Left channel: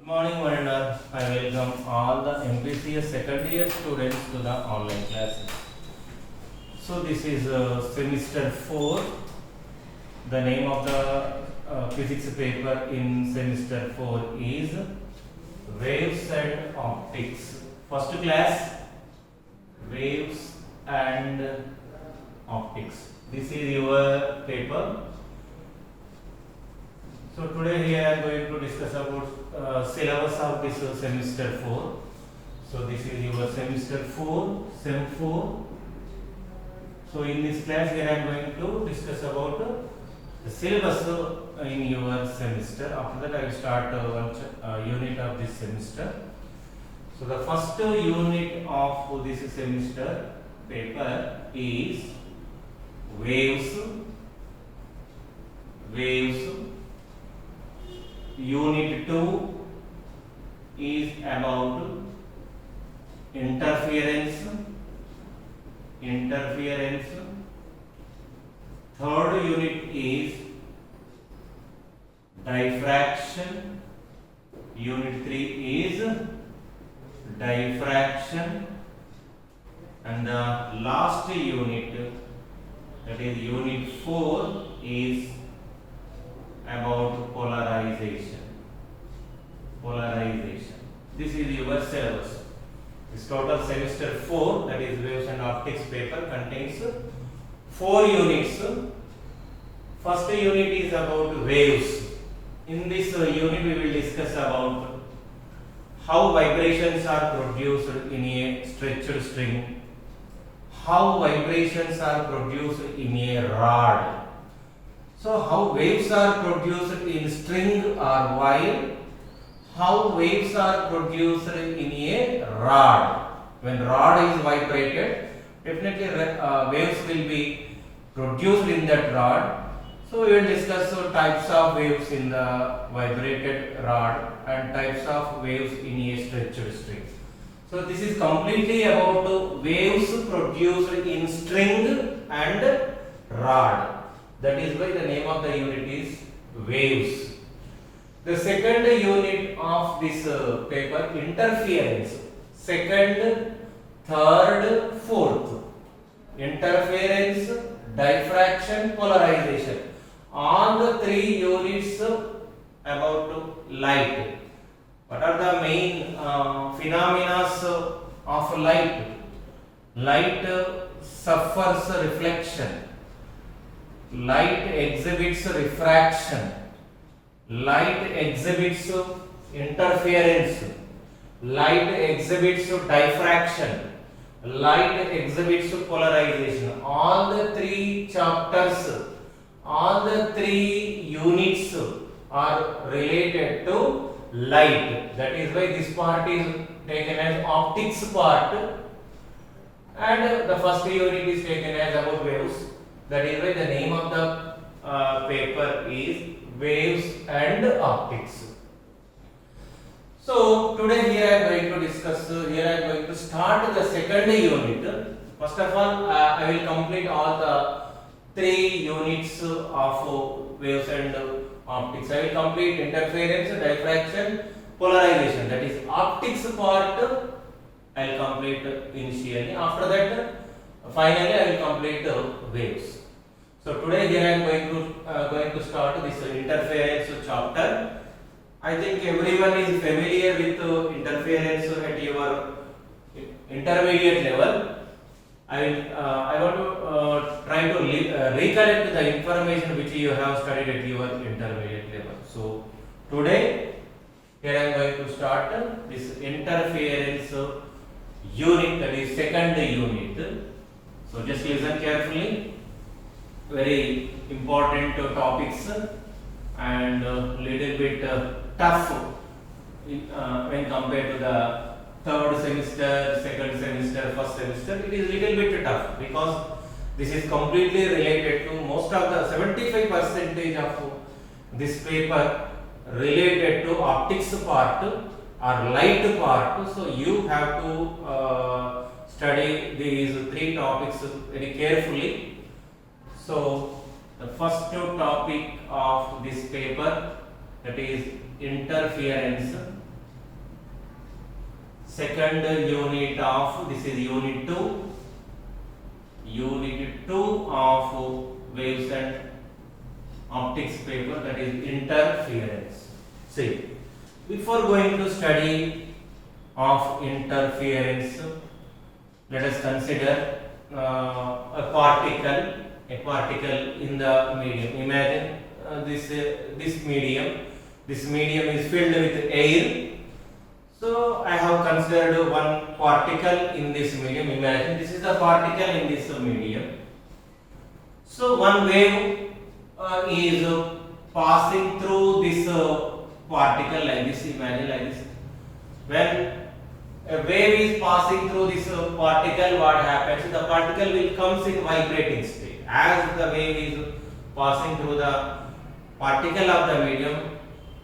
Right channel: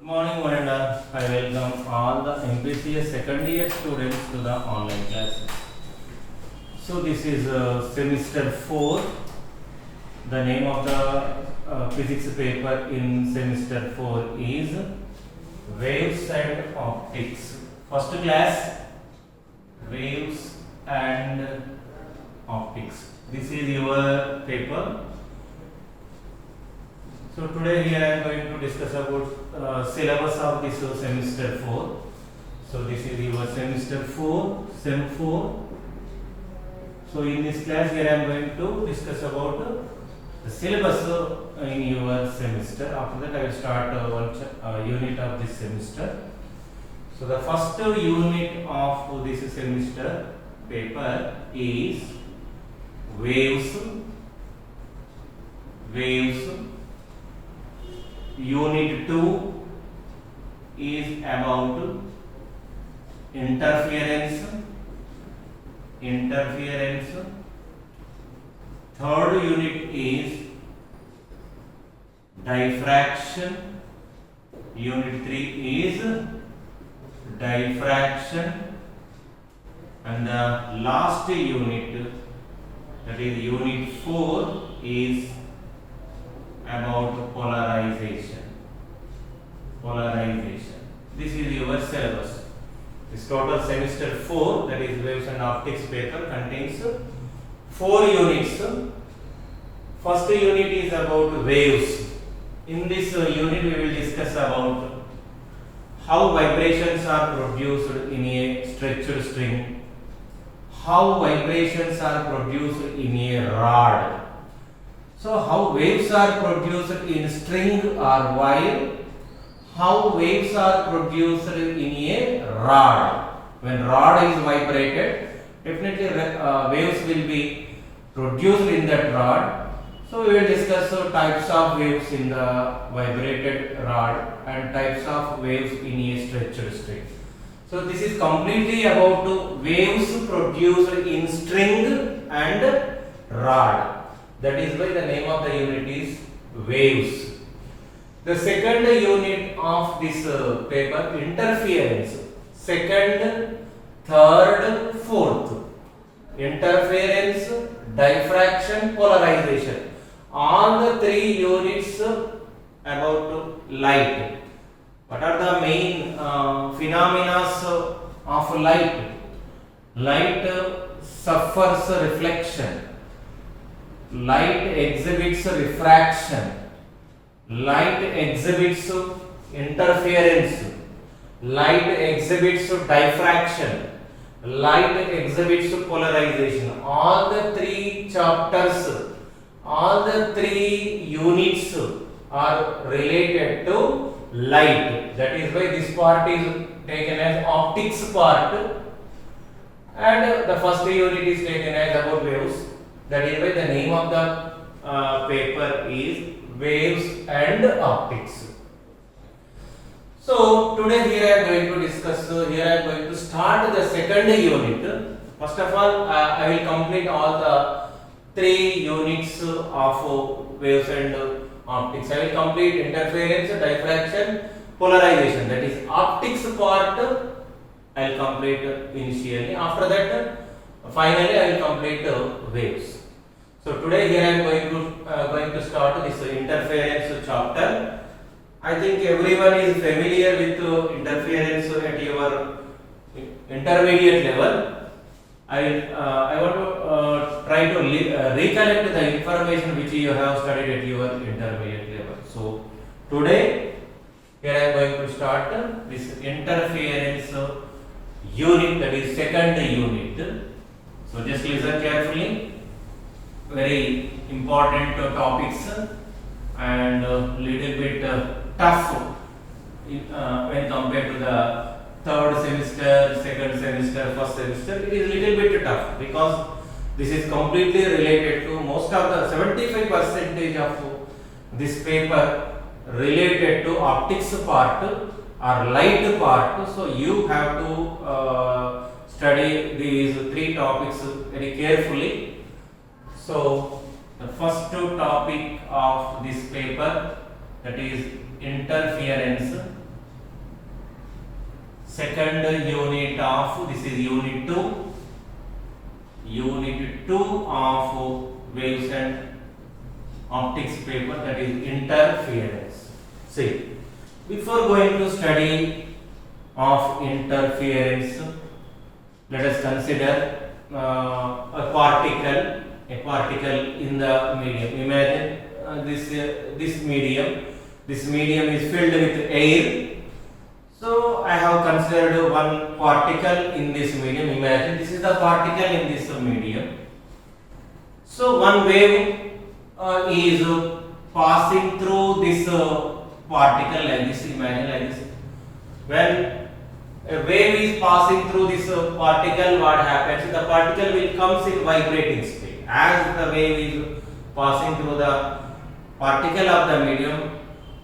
Good morning, Varenda. I welcome all the MPCS second year students to the online classes. So this is semester 4. The name of the physics paper in semester 4 is Waves and Optics. First class, Waves and Optics. This is your paper. So today we are going to discuss about syllabus of this semester 4. So this is your semester 4, sem 4. So in this class here I am going to discuss about the syllabus in your semester. After that I will start one unit of this semester. So the first unit of this semester paper is waves. Unit 2 is about interference. Third unit is diffraction. Unit 3 is diffraction. And the last unit, that is unit 4, is about polarization. This is your syllabus. This total semester 4, that is waves and optics paper, contains 4 units. First unit is about waves. In this unit we will discuss about how vibrations are produced in a stretched string, how vibrations are produced in a rod. So how waves are produced in string or wire, how waves are produced in a rod. When rod is vibrated, definitely waves will be produced in that rod. So we will discuss types of waves in the vibrated rod and types of waves in a stretched string. So this is completely about waves produced in string and rod. That is why the name of the unit is waves. The second unit of this paper, interference. Second, third, fourth. Interference, diffraction, polarization. All the 3 units about light. What are the main phenomena of light? Light suffers reflection. Light exhibits refraction. Light exhibits interference. Light exhibits diffraction. Light exhibits polarization. All the 3 chapters, all the 3 units are related to light. That is why this part is taken as optics part, and the first unit is taken as about waves. That is why the name of the paper is waves and optics. So today here I am going to discuss, here I am going to start the second unit. First of all, I will complete all the 3 units of waves and optics. I will complete interference, diffraction, polarization. That is optics part I will complete initially. After that, finally I will complete waves. So today here I am going to start this interference chapter. I think everyone is familiar with interference at your intermediate level. I want to try to recollect the information which you have studied at your intermediate level. So today here I am going to start this interference unit, that is second unit. So just listen carefully. Very important topics and little bit tough when compared to the third semester, second semester, first semester. It is little bit tough because this is completely related to most of the 75% of this paper related to optics part or light part. So you have to study these 3 topics very carefully. So the first topic of this paper, that is interference. second unit of, this is unit 2 of waves and optics paper, that is interference. See, before going to study of interference, let us consider a particle in the medium. Imagine this medium is filled with air. So I have considered one particle in this medium. Imagine this is the particle in this medium. So one wave is passing through this particle like this. Imagine like this. When a wave is passing through this particle, what happens? The particle will comes in vibrating state. As the wave is passing through the particle of the medium,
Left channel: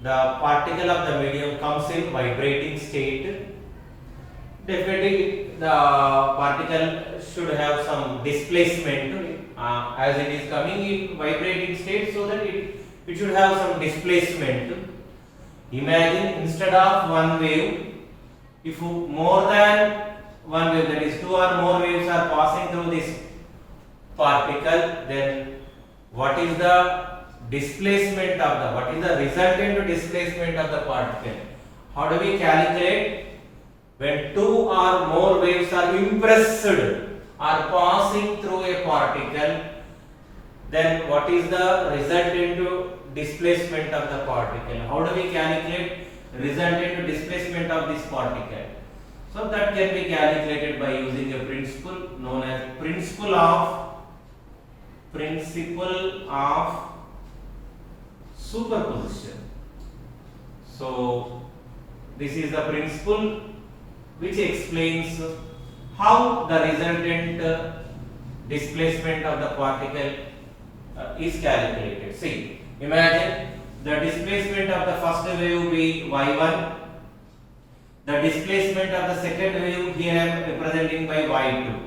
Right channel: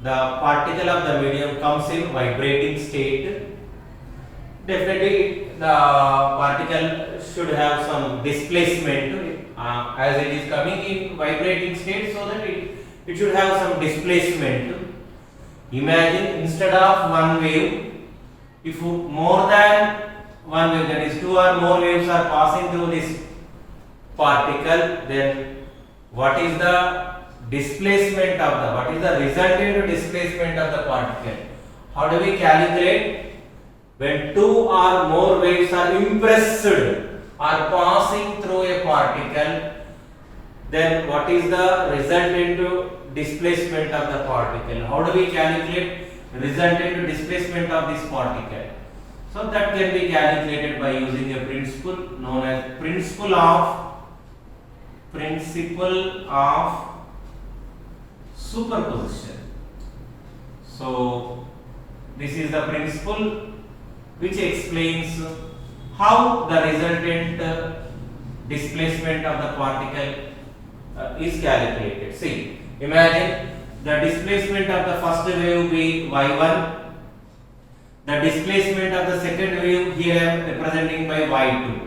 the particle of the medium comes in vibrating state. Definitely the particle should have some displacement as it is coming in vibrating state, so that it should have some displacement. Imagine instead of one wave, if more than one wave, that is two or more waves are passing through this particle, then what is the displacement of the, what is the resultant displacement of the particle? How do we calculate? When two or more waves are impressed or passing through a particle, then what is the resultant displacement of the particle? How do we calculate resultant displacement of this particle? So that can be calculated by using a principle known as principle of superposition. So this is the principle which explains how the resultant displacement of the particle is calculated. See, imagine the displacement of the first wave be y1, the displacement of the second wave here I am representing by y2.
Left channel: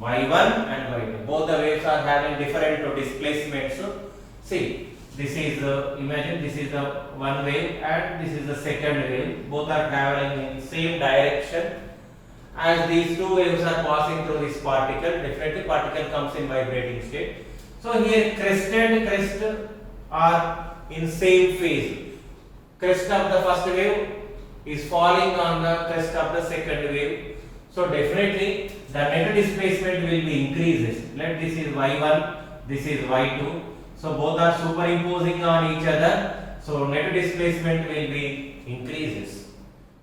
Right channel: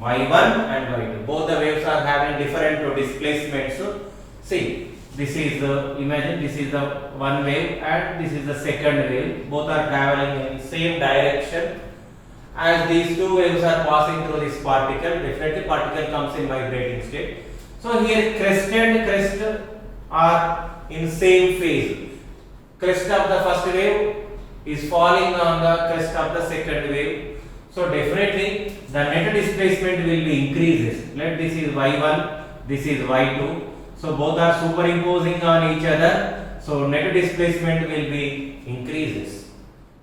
y1 and y2, both the waves are having different displacements. So see, this is imagine this is the one wave and this is the second wave, both are traveling in same direction. As these two waves are passing through this particle, definitely particle comes in vibrating state. So here crest and crest are in same phase. Crest of the first wave is falling on the crest of the second wave. So definitely the net displacement will be increases. Let this is y1, this is y2. So both are superimposing on each other. So net displacement will be increases.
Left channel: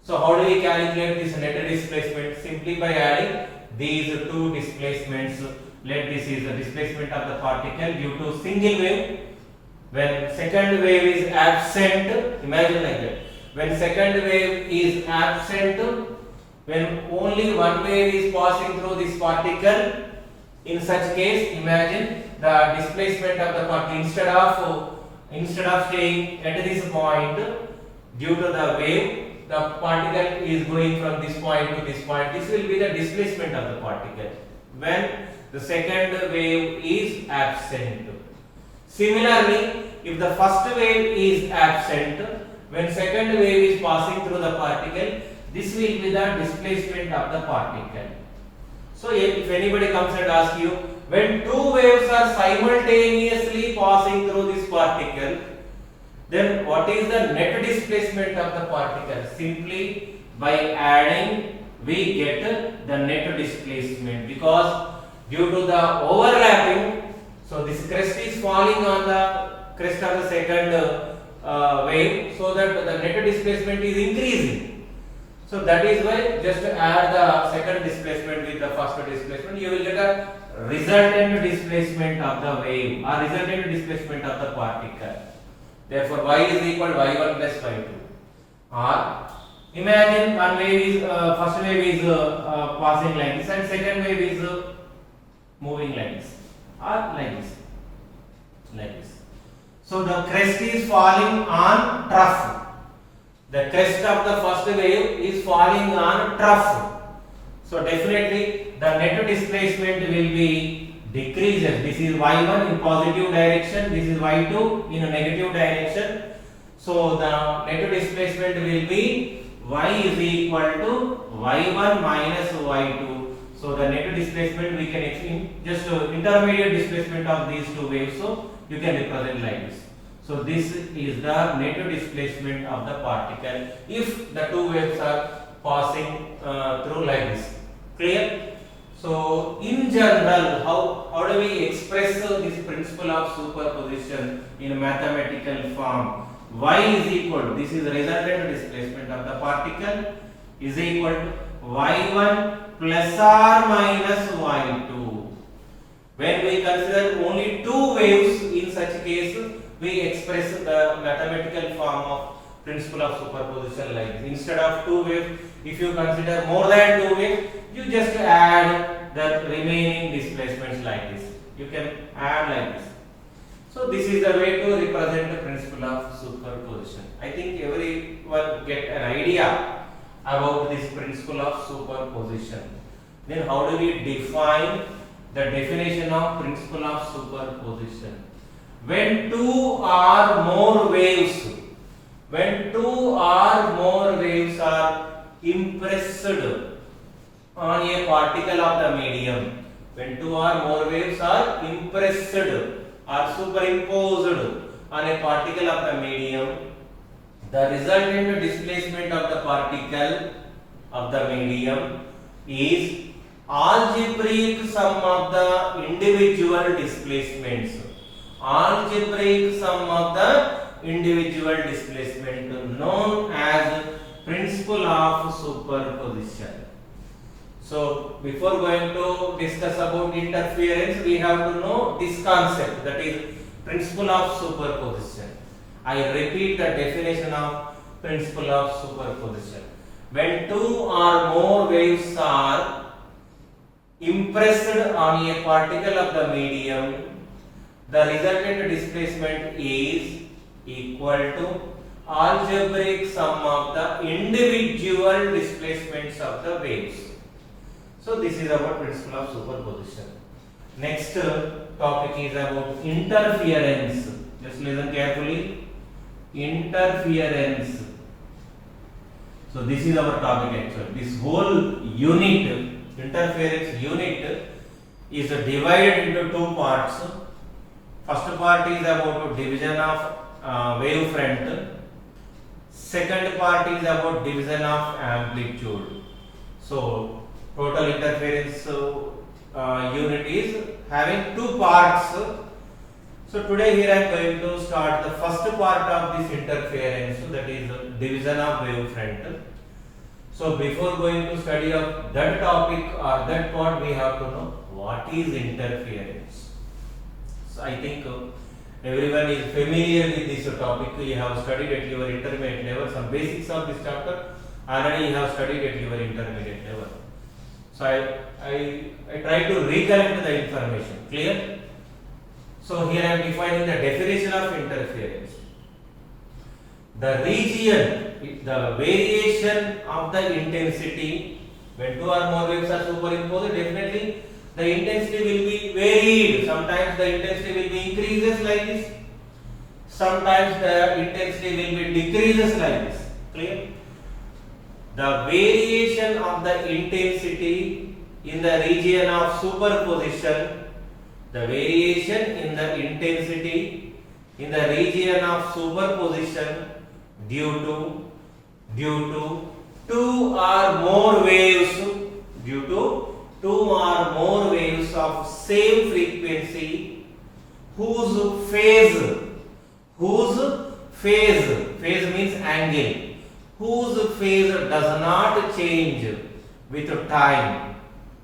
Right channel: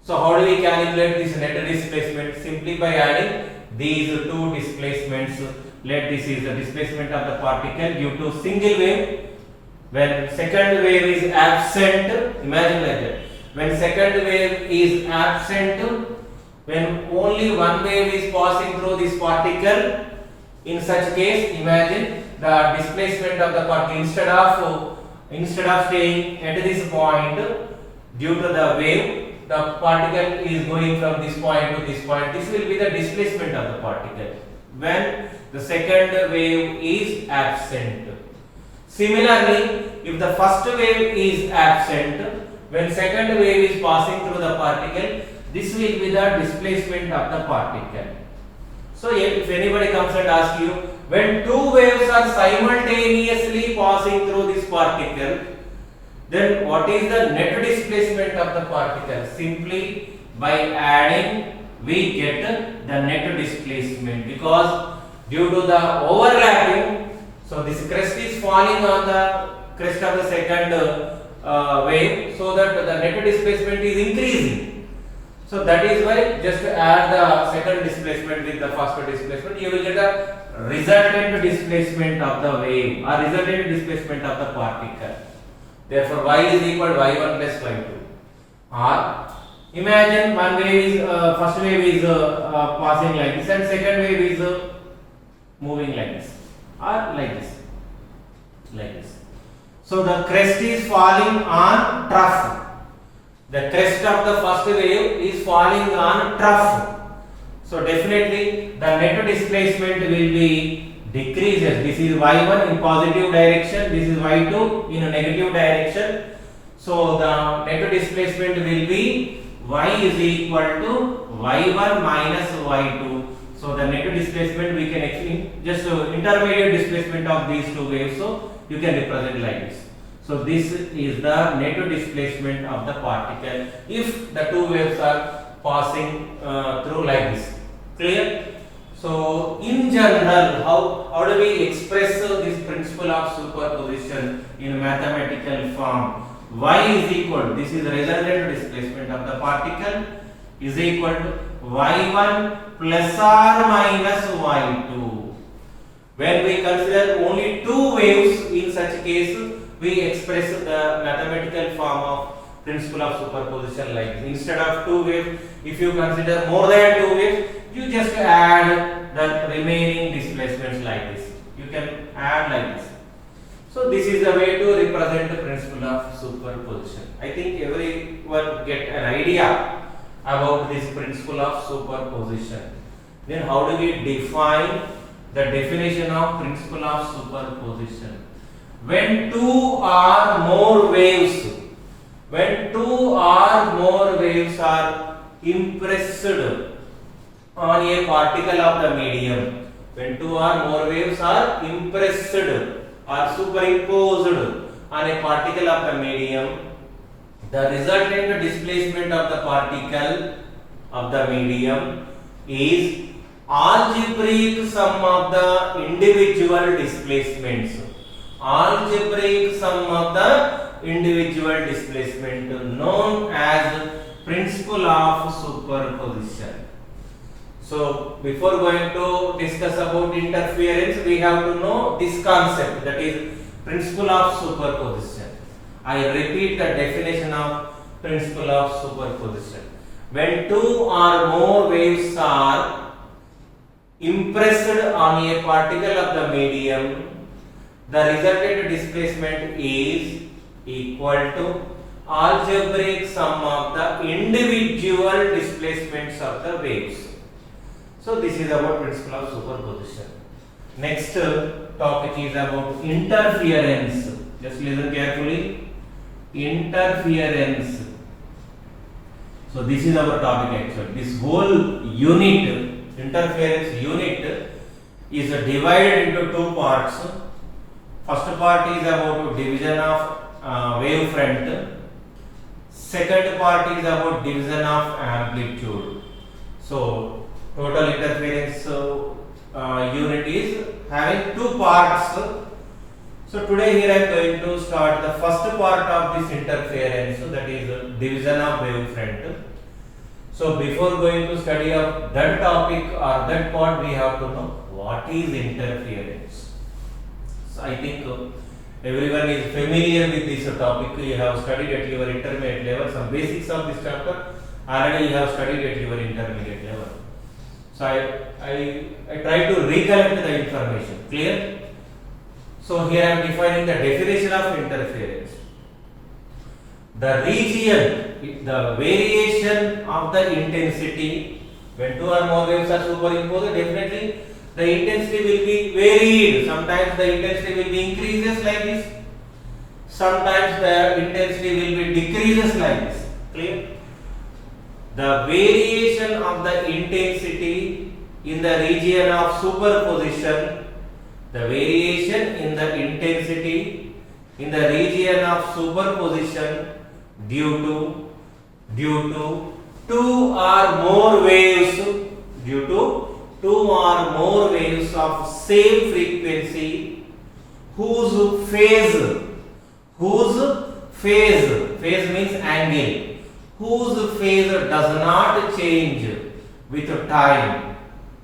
So how do we calculate this net displacement? Simply by adding these two displacements. Let this is the displacement of the particle due to single wave. When second wave is absent, imagine like that. When second wave is absent, when only one wave is passing through this particle, in such case, imagine the displacement of the particle instead of staying at this point due to the wave, the particle is going from this point to this point. This will be the displacement of the particle when the second wave is absent. Similarly, if the first wave is absent, when second wave is passing through the particle, this will be the displacement of the particle. So if anybody comes and asks you, when two waves are simultaneously passing through this particle, then what is the net displacement of the particle? Simply by adding we get the net displacement, because due to the overlapping, so this crest is falling on the crest of the second wave, so that the net displacement is increasing. So that is why just add the second displacement with the first displacement, you will get a resultant displacement of the wave or resultant displacement of the particle. Therefore, y is equal to y1 plus y2. Or imagine one wave is first wave is passing like this and second wave is moving like this or like this, like this. So the crest is falling on trough. The crest of the first wave is falling on trough. So definitely the net displacement will be decreases. This is y1 in positive direction, this is y2 in a negative direction. So the net displacement will be y is equal to y1 minus y2. So the net displacement we can actually just intermediate displacement of these two waves, so you can represent like this. So this is the net displacement of the particle if the two waves are passing through like this. Clear? So in general, how do we express this principle of superposition in mathematical form? Y is equal, this is resultant displacement of the particle, is equal to y1 plus or minus y2. When we consider only two waves, in such case we express the mathematical form of principle of superposition like this. Instead of two waves, if you consider more than two waves, you just add the remaining displacements like this. You can add like this. So this is the way to represent the principle of superposition. I think everyone get an idea about this principle of superposition. Then how do we define the definition of principle of superposition? When two or more waves are impressed on a particle of the medium, when two or more waves are impressed or superimposed on a particle of the medium, the resultant displacement of the particle of the medium is algebraic sum of the individual displacements. Algebraic sum of the individual displacement known as principle of superposition. So before going to discuss about interference, we have to know this concept, that is principle of superposition. I repeat the definition of principle of superposition. When two or more waves are impressed on a particle of the medium, the resultant displacement is equal to algebraic sum of the individual displacements of the waves. So this is about principle of superposition. Next topic is about interference. Just listen carefully. Interference. So this is our topic actually. This whole unit, interference unit, is divided into two parts. First part is about division of wavefront. Second part is about division of amplitude. So total interference unit is having two parts. So today here I am going to start the first part of this interference, that is division of wavefront. So before going to study of that topic or that part, we have to know what is interference. So I think everyone is familiar with this topic. You have studied at your intermediate level some basics of this chapter. Already you have studied at your intermediate level. So I try to recollect the information. Clear? So here I am defining the definition of interference. The region, the variation of the intensity, when two or more waves are superimposed, definitely the intensity will be varied. Sometimes the intensity will be increases like this. Sometimes the intensity will be decreases like this. Clear? The variation of the intensity in the region of superposition, the variation in the intensity in the region of superposition due to two or more waves, of same frequency whose phase means angle, whose phase does not change with time,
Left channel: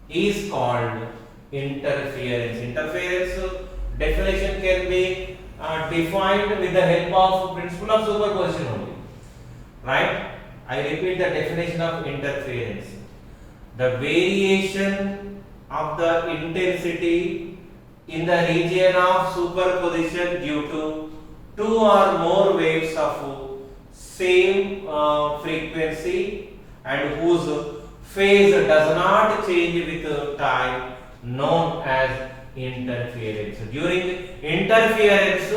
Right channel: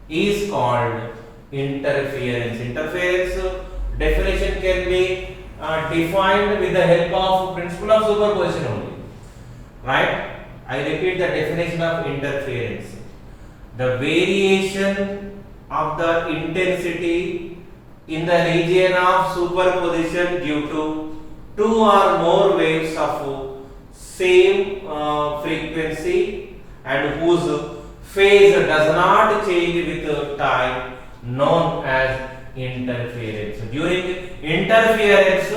is called interference. Interference definition can be defined with the help of principle of superposition only. Right? I repeat the definition of interference. The variation of the intensity in the region of superposition due to two or more waves of same frequency and whose phase does not change with time, known as interference. During interference,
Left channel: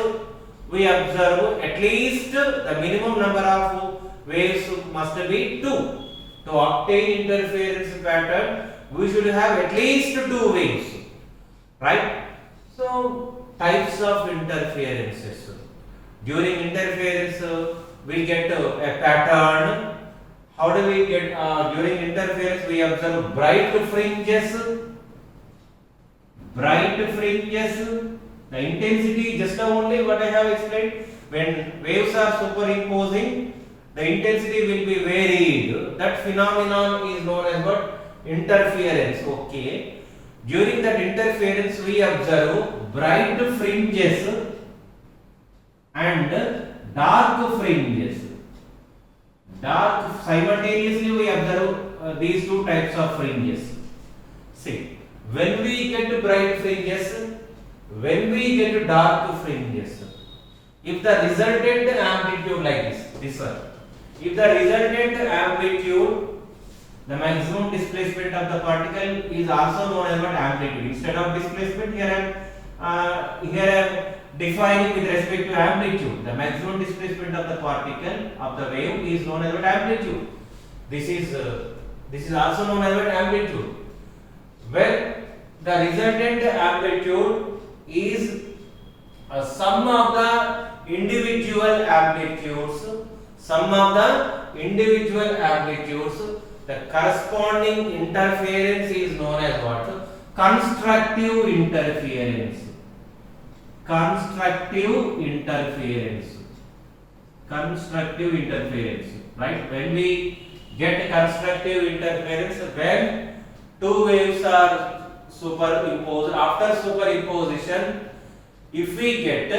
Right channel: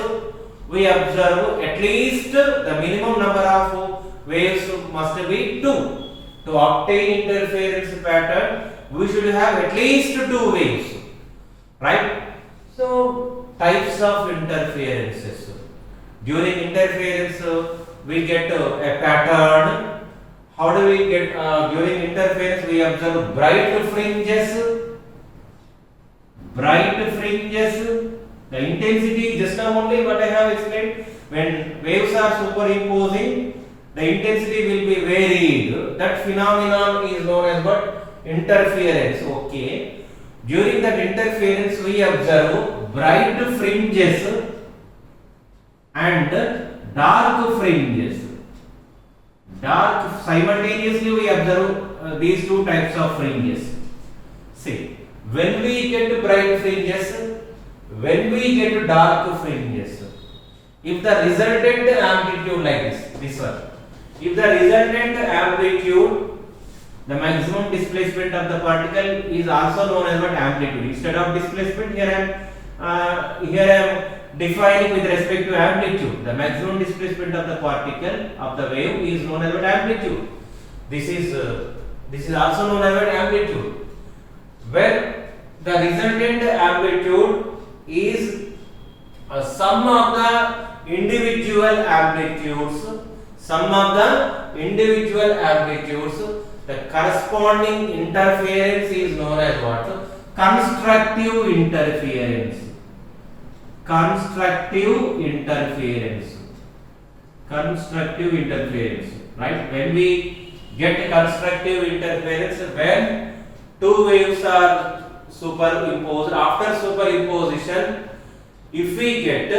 we observe at least the minimum number of waves must be 2. to obtain interference pattern, we should have at least two waves, right? So types of interferences. During interference, we get a pattern. How do we get during interference? We observe bright fringes. The intensity, just now only what I have explained. When waves are superimposing, the intensity will be varied. That phenomenon is known as what? Interference. Okay. During that interference, we observe bright fringes and dark fringes. Simultaneously we observe these two types of fringes. See, when we get bright fringes, when we get dark fringes, if the resultant amplitude like this one, if the resultant amplitude, the maximum displacement of the particle is also known as what? Amplitude. Instead of displacement, here I am defining with respect to amplitude. The maximum displacement of the particle of the wave is known as what? Amplitude. This is also known as what? Amplitude. When the resultant amplitude is a sum of the individual amplitudes, the corresponding interference is known as what? Constructive interference. Right? When we get constructive interference, when two waves are superimposed, after superimposition, if we get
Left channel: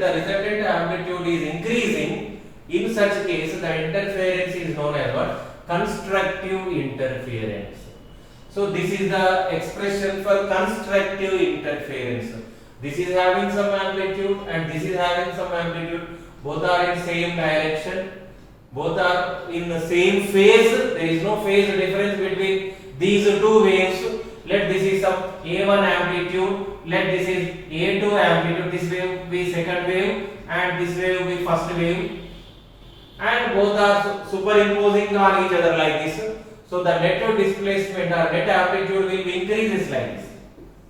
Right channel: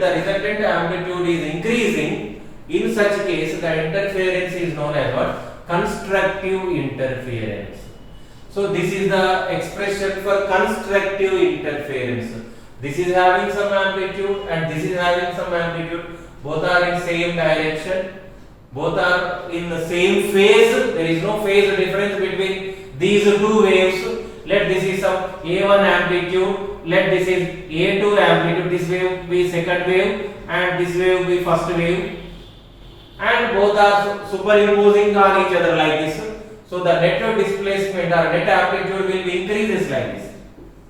the resultant amplitude is increasing, in such case the interference is known as what? Constructive interference. So this is the expression for constructive interference. This is having some amplitude and this is having some amplitude. Both are in same direction. Both are in the same phase. There is no phase difference between these two waves. Let this is some A1 amplitude. Let this is A2 amplitude. This wave be second wave and this wave be first wave. And both are superimposing on each other like this. So the net displacement or net amplitude will be increases like this.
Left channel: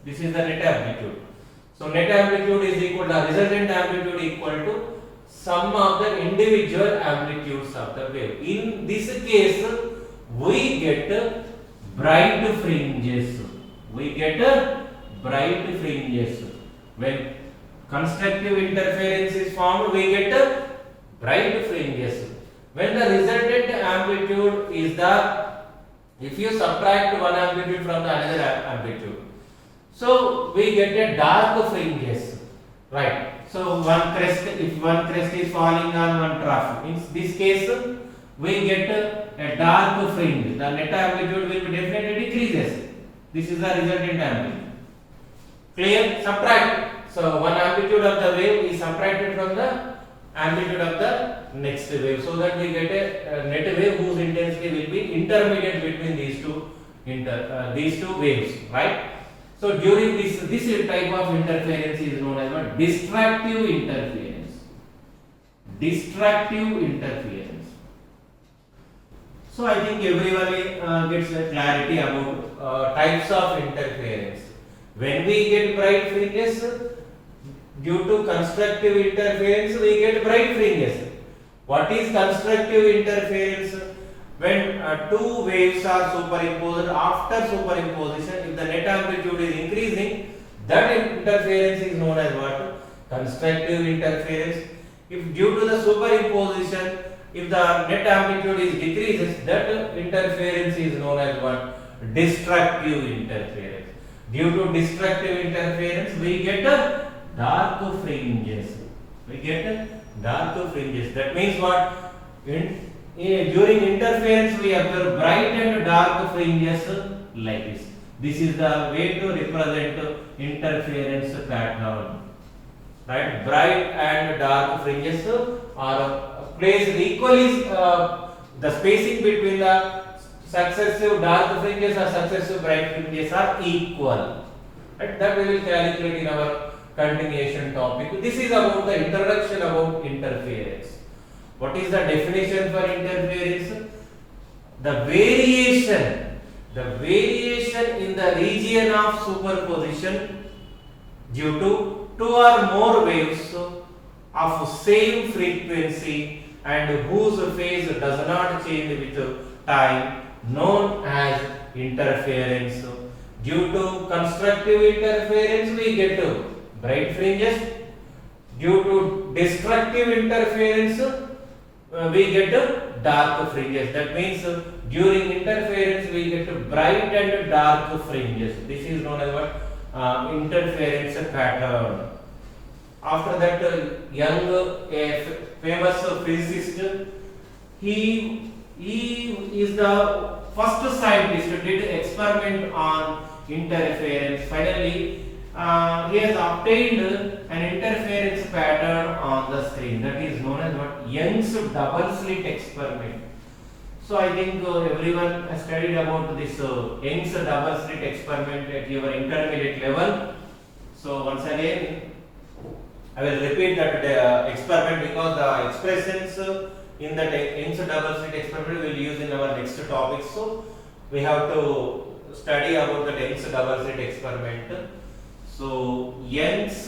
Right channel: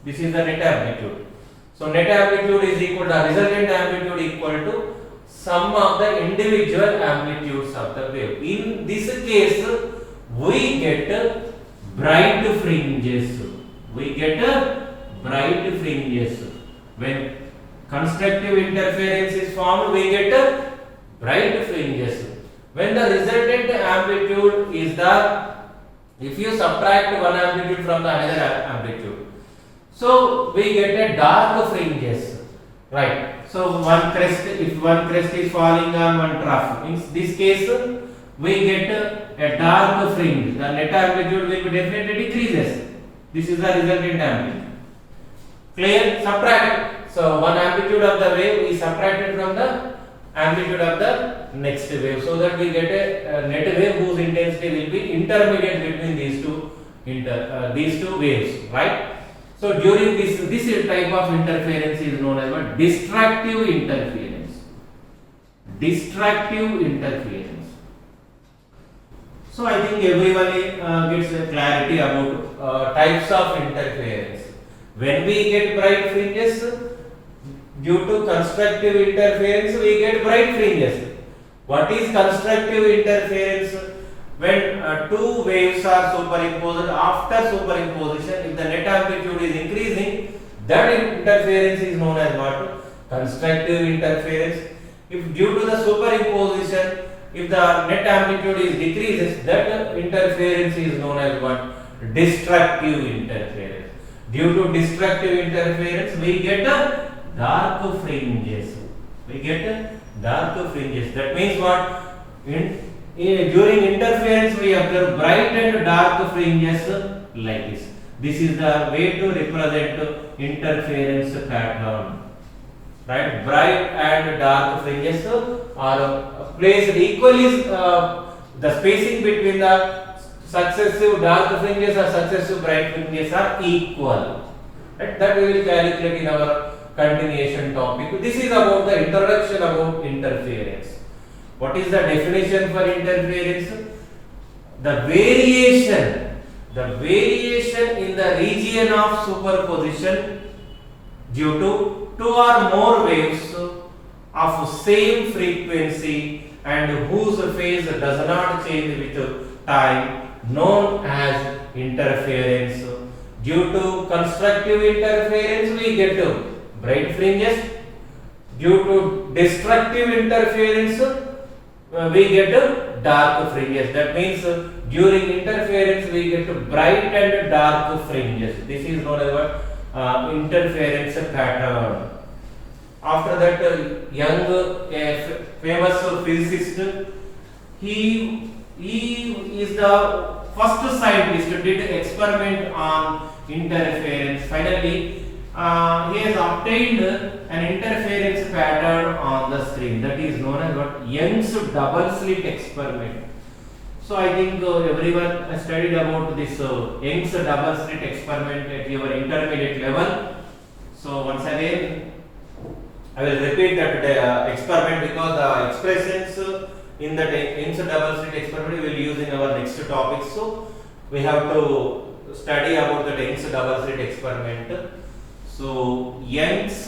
This is the net amplitude. So net amplitude is equal to resultant amplitude equal to sum of the individual amplitudes of the wave. In this case, we get bright fringes. When constructive interference is formed, we get bright fringes. When the resultant amplitude is if you subtract one amplitude from the another amplitude, so we get a dark fringes, right? So if one crest is falling on one trough, in this case we get a dark fringe. The net amplitude will be definitely decreases. This is the resultant amplitude. Clear? Subtract. So one amplitude of the wave is subtracted from the amplitude of the next wave, so that we get a net wave whose intensity will be intermediate between these two waves, right? So during this type of interference is known as what? Distractive interference. So I think everyone gets a clarity about types of interference. When we get bright fringes, due to constructive interference, we get bright fringes. What is constructive interference? When two waves are superimposed, after superimposition, if the net amplitude is increasing, that interference is known as what? Constructive interference. If due to the superimposition, if the net amplitude is decreases, that interference is known as what? Destructive interference. Due to destructive interference, we get a dark fringes. That means what? During interference, we observe bright and dark fringes like this. This is the way to represent interference pattern. Right? Bright and dark fringes are placed equally. The spacing between the successive dark fringes or successive bright fringes are equal. Right? That we will calculate in our continuation topic. This is about the introduction about interference. What is the definition for interference? the variation in the region of superposition due to two or more waves of same frequency and whose phase does not change with time, known as interference. Due to constructive interference we get bright fringes. Due to destructive interference we get dark fringes. That means during interference we get bright and dark fringes. This is known as what? Interference pattern. After that, Young, a famous physicist, he is the first scientist who did experiment on interference. Finally, he has obtained an interference pattern on the screen. That is known as what? Young's double slit experiment. So I think everyone has studied about this Young's double slit experiment at your intermediate level. So once again, I will repeat that experiment because the expressions in the Young's double slit experiment we will use in our next topic. So we have to study about the Young's double slit experiment. So Young's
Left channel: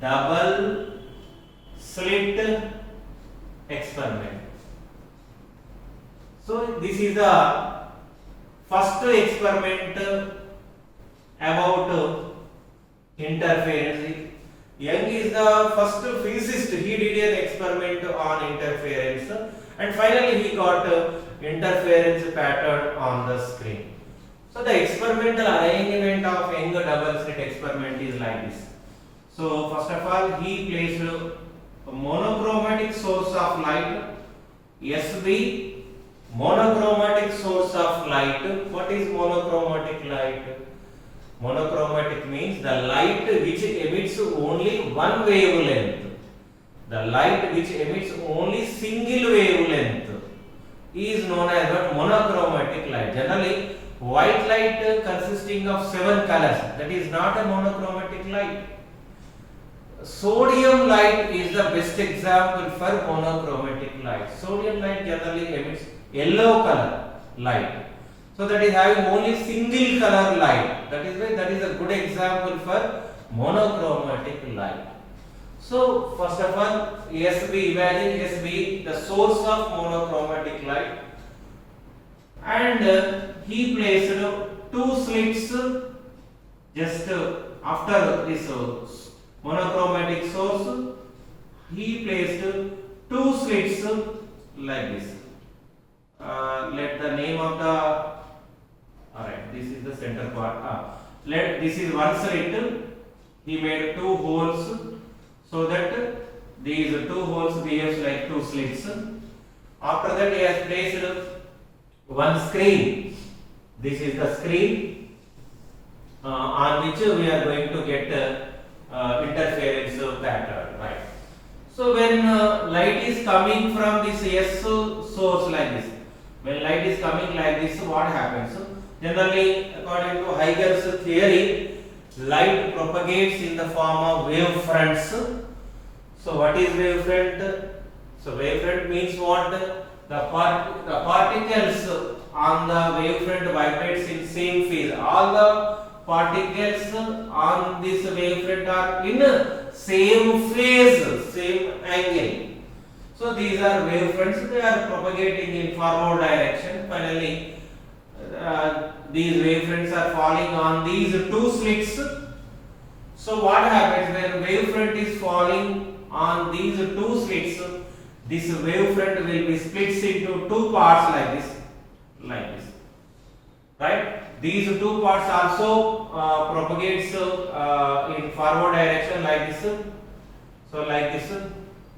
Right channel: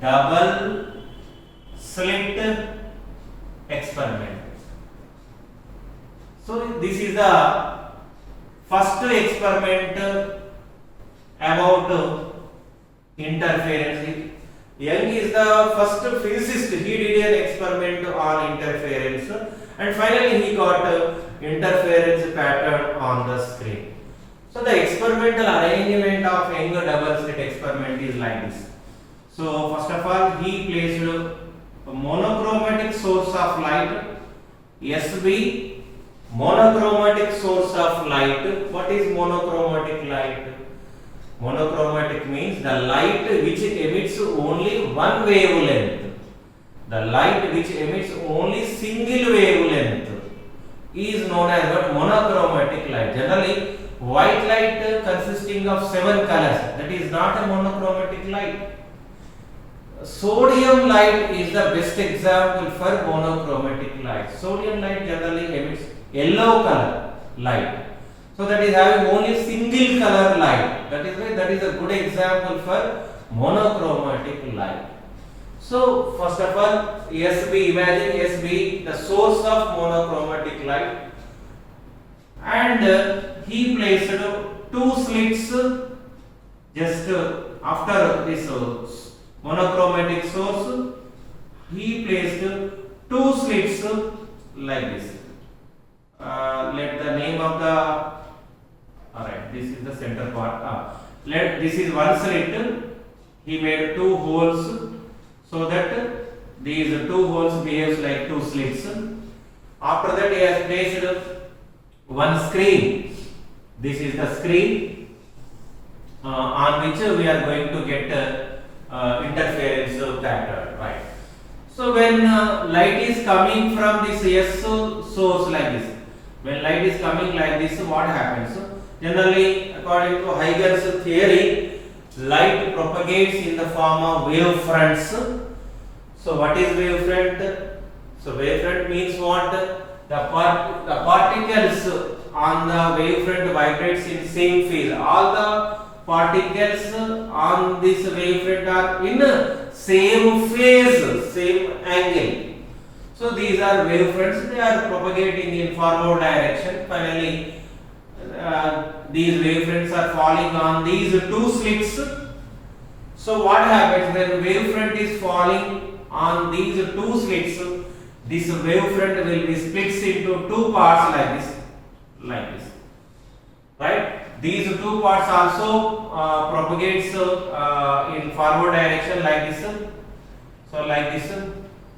double slit experiment. So this is the first experiment about interference. Young is the first physicist. He did an experiment on interference and finally he got interference pattern on the screen. So the experimental arrangement of Young double slit experiment is like this. So first of all, he placed a monochromatic source of light, SB, monochromatic source of light. What is monochromatic light? Monochromatic means the light which emits only one wavelength. The light which emits only single wavelength is known as what? Monochromatic light. Generally, white light consisting of 7 colors, that is not a monochromatic light. Sodium light is the best example for monochromatic light. Sodium light generally emits yellow color light. So that is having only single color light. That is why that is a good example for monochromatic light. So first of all, SB, imagine SB, the source of monochromatic light, and he placed 2 slits just after this monochromatic source. He placed 2 slits like this. Let the name of the alright, this is the center part. This is one slit. He made 2 holes so that these 2 holes behaves like 2 slits. After that, he has placed one screen. This is the screen on which we are going to get interference pattern, right? So when light is coming from this S source like this, when light is coming like this, what happens? Generally, according to Huygens theory, light propagates in the form of wave fronts. So what is wavefront? So wavefront means what? The particles on the wavefront vibrates in same phase. All the particles on this wavefront are in same phase, same angle. So these are wavefronts. They are propagating in forward direction. Finally, these wavefronts are falling on these 2 slits. So what happens when wavefront is falling on these 2 slits? This wavefront will be split into 2 parts like this, right? These 2 parts also propagates in forward direction like this. So like this.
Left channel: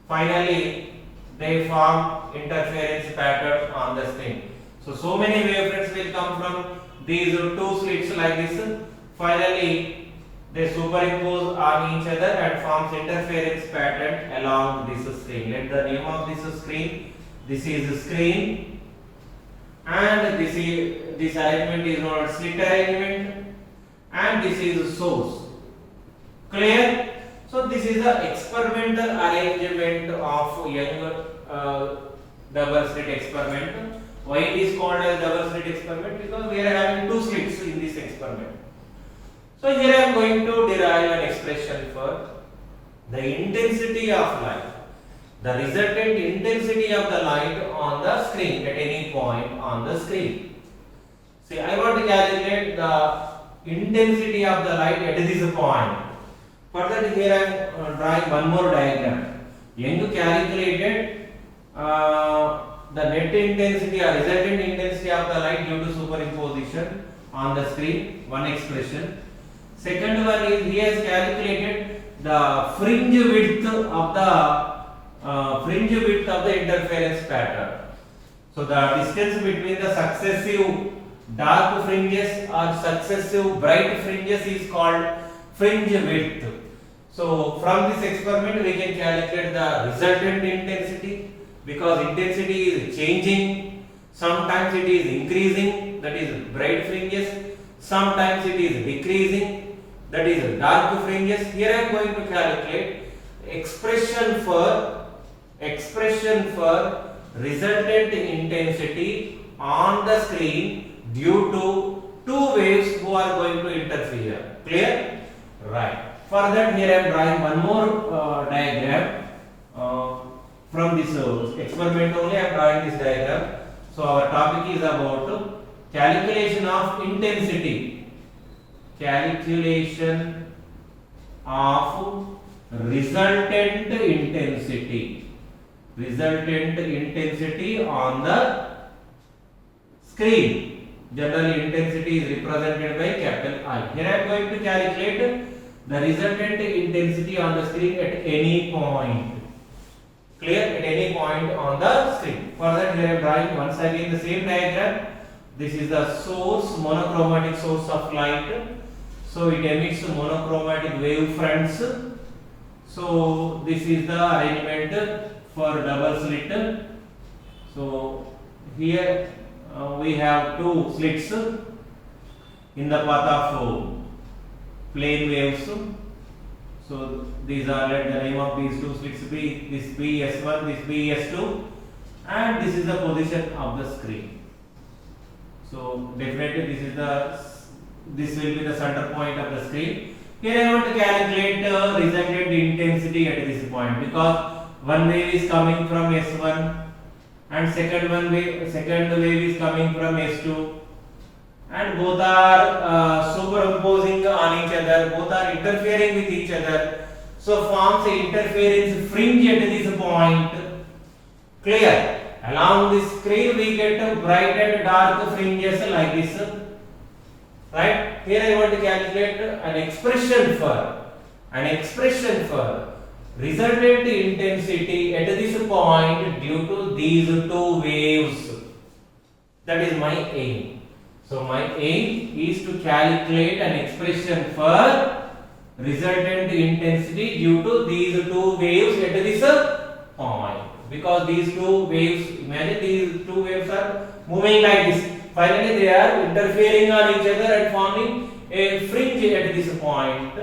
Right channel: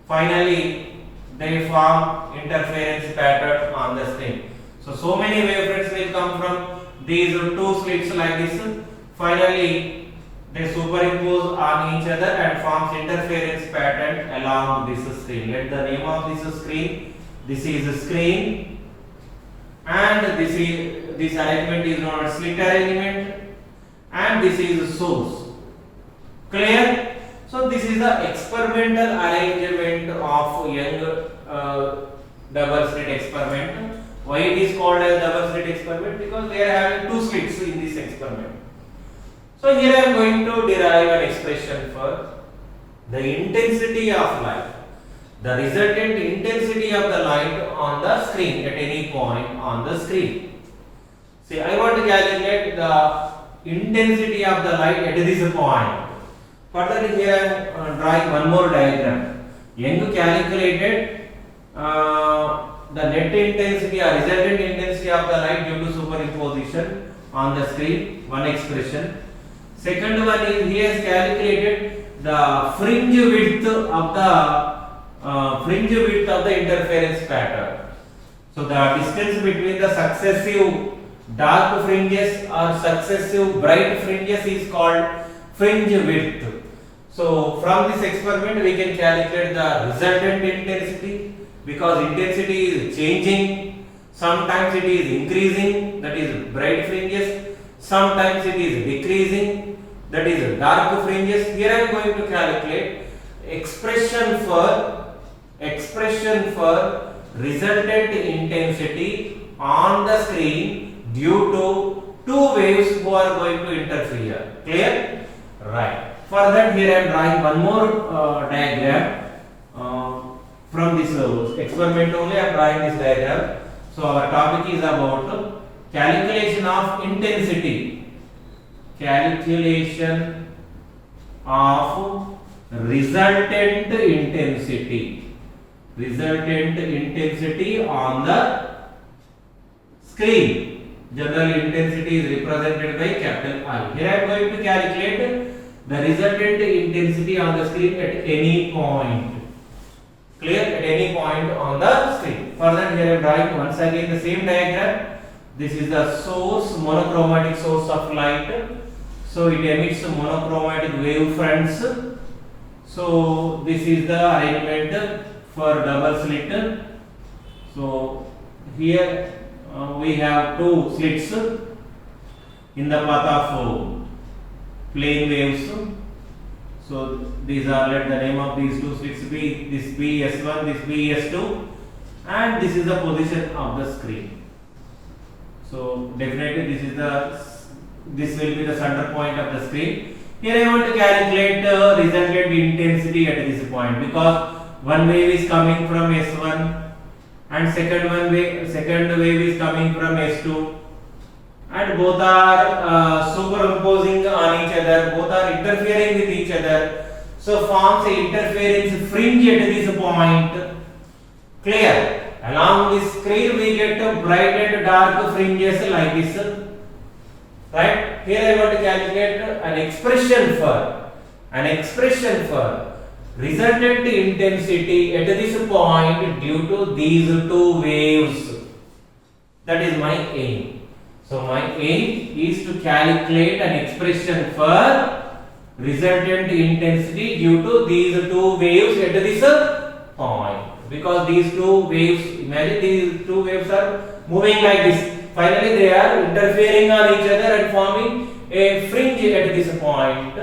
Finally, they form interference pattern on the screen. So many wavefronts will come from these 2 slits like this. Finally, they superimpose on each other and forms interference pattern along this screen. Let the name of this screen. This is the screen, and this arrangement is known as slit arrangement, and this is source. Clear? So this is the experimental arrangement of Young double slit experiment. Why it is called as double slit experiment? Because they are having two slits in this experiment. So here I am going to derive an expression for the intensity of light, the resultant intensity of the light on the screen at any point on the screen. See, I want to calculate the intensity of the light at this point. Further, here I am drawing one more diagram. Young calculated the net intensity or resultant intensity of the light due to superimposition on the screen, one expression. Second one is he has calculated the fringe width of the interference pattern. So the distance between the successive dark fringes or successive bright fringes is called fringe width. So from this experiment we can calculate the resultant intensity, because intensity is changing. Sometimes it is increasing, that is bright fringes. Sometimes it is decreasing, that is dark fringes. Here I am going to calculate expression for resultant intensity on the screen due to two waves who are going to interfere. Clear? Right. For that, here I am drawing one more diagram. From this experiment only I am drawing this diagram. So our topic is about calculation of intensity. Calculation of resultant intensity. Resultant intensity on the screen. General intensity is represented by capital I. Here I am going to calculate the resultant intensity on the screen at any point. Clear? At any point on the screen. For that, here I am drawing once again the same diagram. This is the source, monochromatic source of light. So it emits monochromatic wave fronts. So this is the arrangement for double slit. So here we have two slits in the path of plane waves. So these are, let the name of these two slits be this BS1, this BS2, and this is the position of the screen. So definitely this will be the center point of the screen. Here I want to calculate resultant intensity at this point, because one wave is coming from S1 and second wave is coming from S2, and both are superimposing on each other, both are interfering with each other. So forms a interference fringe at this point. Clear? Along this screen we get bright and dark fringes like this. Right? Here I want to calculate an expression for resultant intensity at this point due to these two waves. That is my aim. So my aim is to calculate an expression for resultant intensity due to these two waves at this point. Because these two waves, imagine these two waves are moving like this. Finally they are interfering on each other and forming a fringe at this point.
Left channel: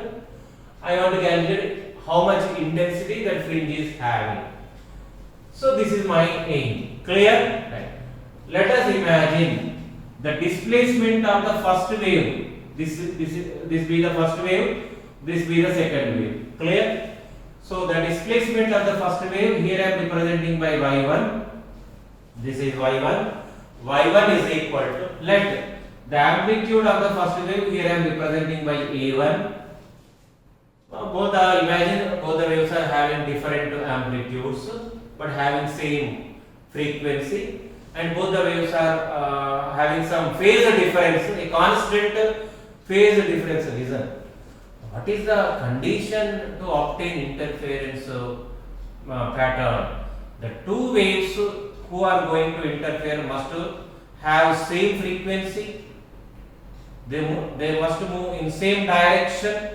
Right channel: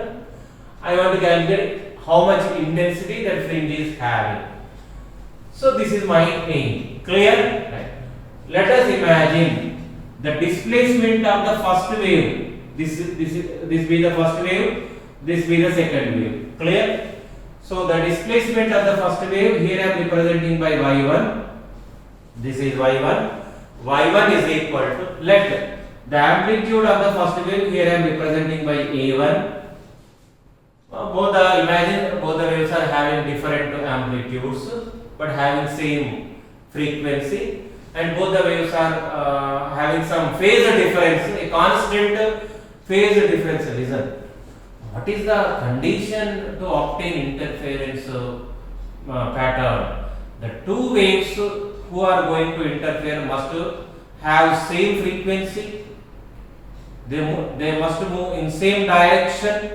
I want to calculate how much intensity that fringe is having. So this is my aim. Clear? Right. Let us imagine the displacement of the first wave. This be the first wave, this be the second wave. Clear? So the displacement of the first wave, here I am representing by y1. This is y1. y1 is equal to, let the amplitude of the first wave, here I am representing by a1. Imagine both the waves are having different amplitudes but having same frequency, and both the waves are having some phase difference, a constant phase difference. Listen, what is the condition to obtain interference pattern? The two waves who are going to interfere must have same frequency, they must move in same direction.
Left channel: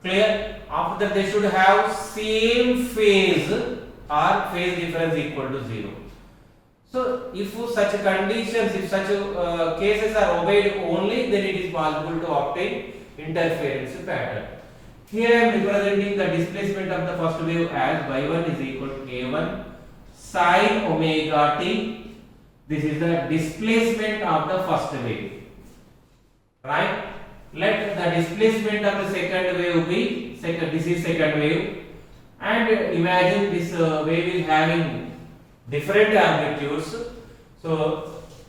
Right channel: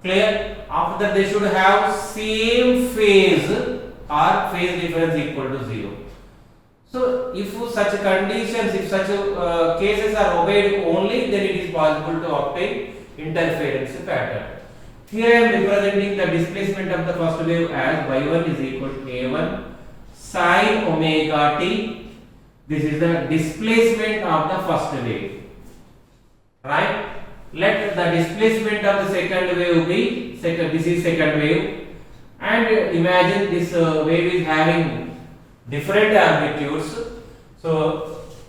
Clear? After that they should have same phase or phase difference equal to 0. So if such conditions, if such cases are obeyed only, then it is possible to obtain interference pattern. Here I am representing the displacement of the first wave as y1 is equal to a1 sin omega t. This is the displacement of the first wave, right? Let the displacement of the second wave be this is second wave, and imagine this wave is having different amplitudes. So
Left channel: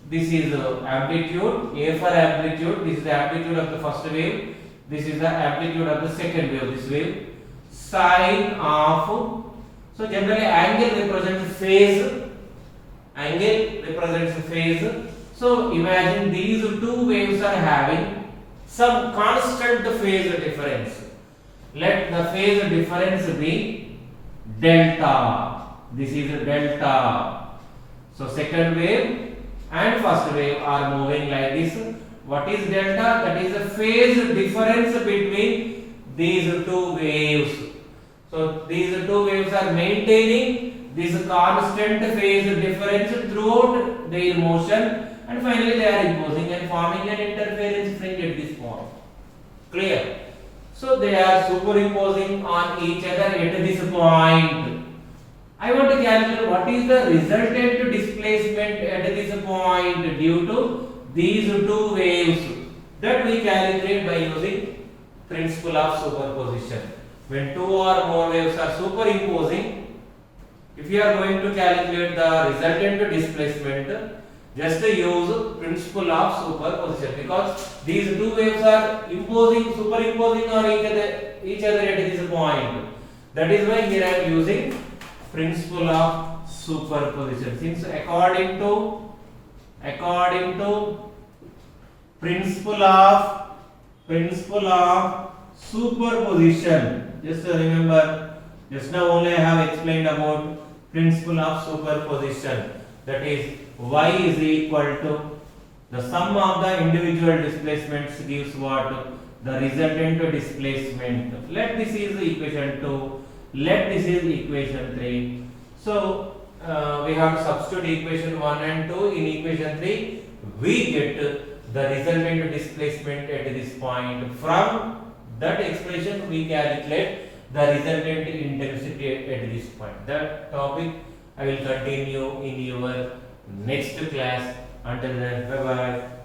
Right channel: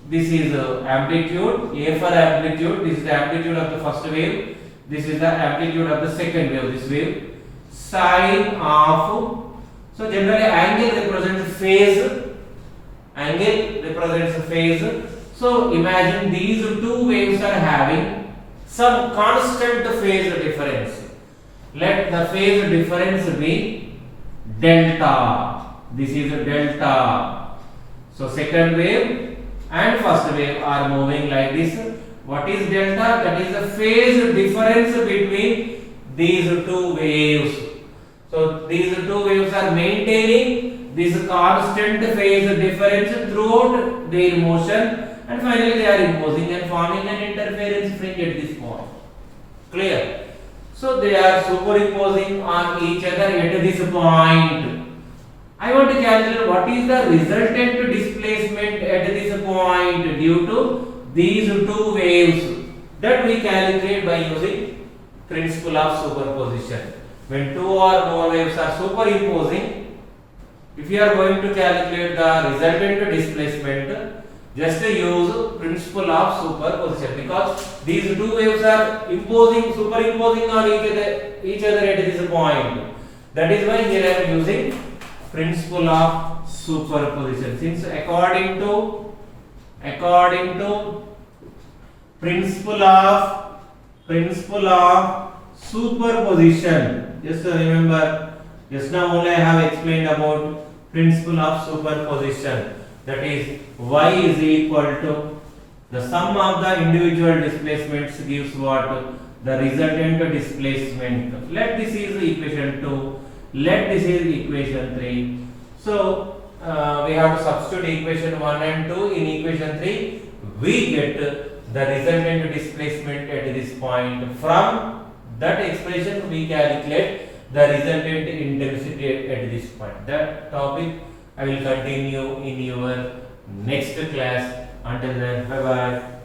this is amplitude, A for amplitude. This is the amplitude of the first wave. This is the amplitude of the second wave. This wave sine of. So generally angle represents phase. Angle represents phase. So imagine these two waves are having some constant phase difference. Let the phase difference be delta. This is delta. So second wave and first wave are moving like this. What is delta? That is the phase difference between these two waves. So these two waves are maintaining this constant phase difference throughout their motion, and finally they are imposing and forming an interference fringe at this point. Clear? So they are superimposing on each other at this point. I want to calculate what is the resultant displacement at this point due to these two waves. That we calculate by using principle of superposition. When two or more waves are superimposing, if you are going to calculate the resultant displacement, just use principle of superposition, because these two waves are superimposing on each other at this point. That is why here I am using principle of superposition. Since according to principle of superposition, just remember, just now only I have explained about principle of superposition. That is, y is equal to the sum of the individual displacements gives what? The resultant displacement. Let this is equation 2. Let this is equation 3. So we have to substitute equation 1 and 2 in equation 3. We get the resultant displacement at this point. From that expression we calculate the resultant intensity at this point. That topic I will continue in your next class. Until then, bye bye.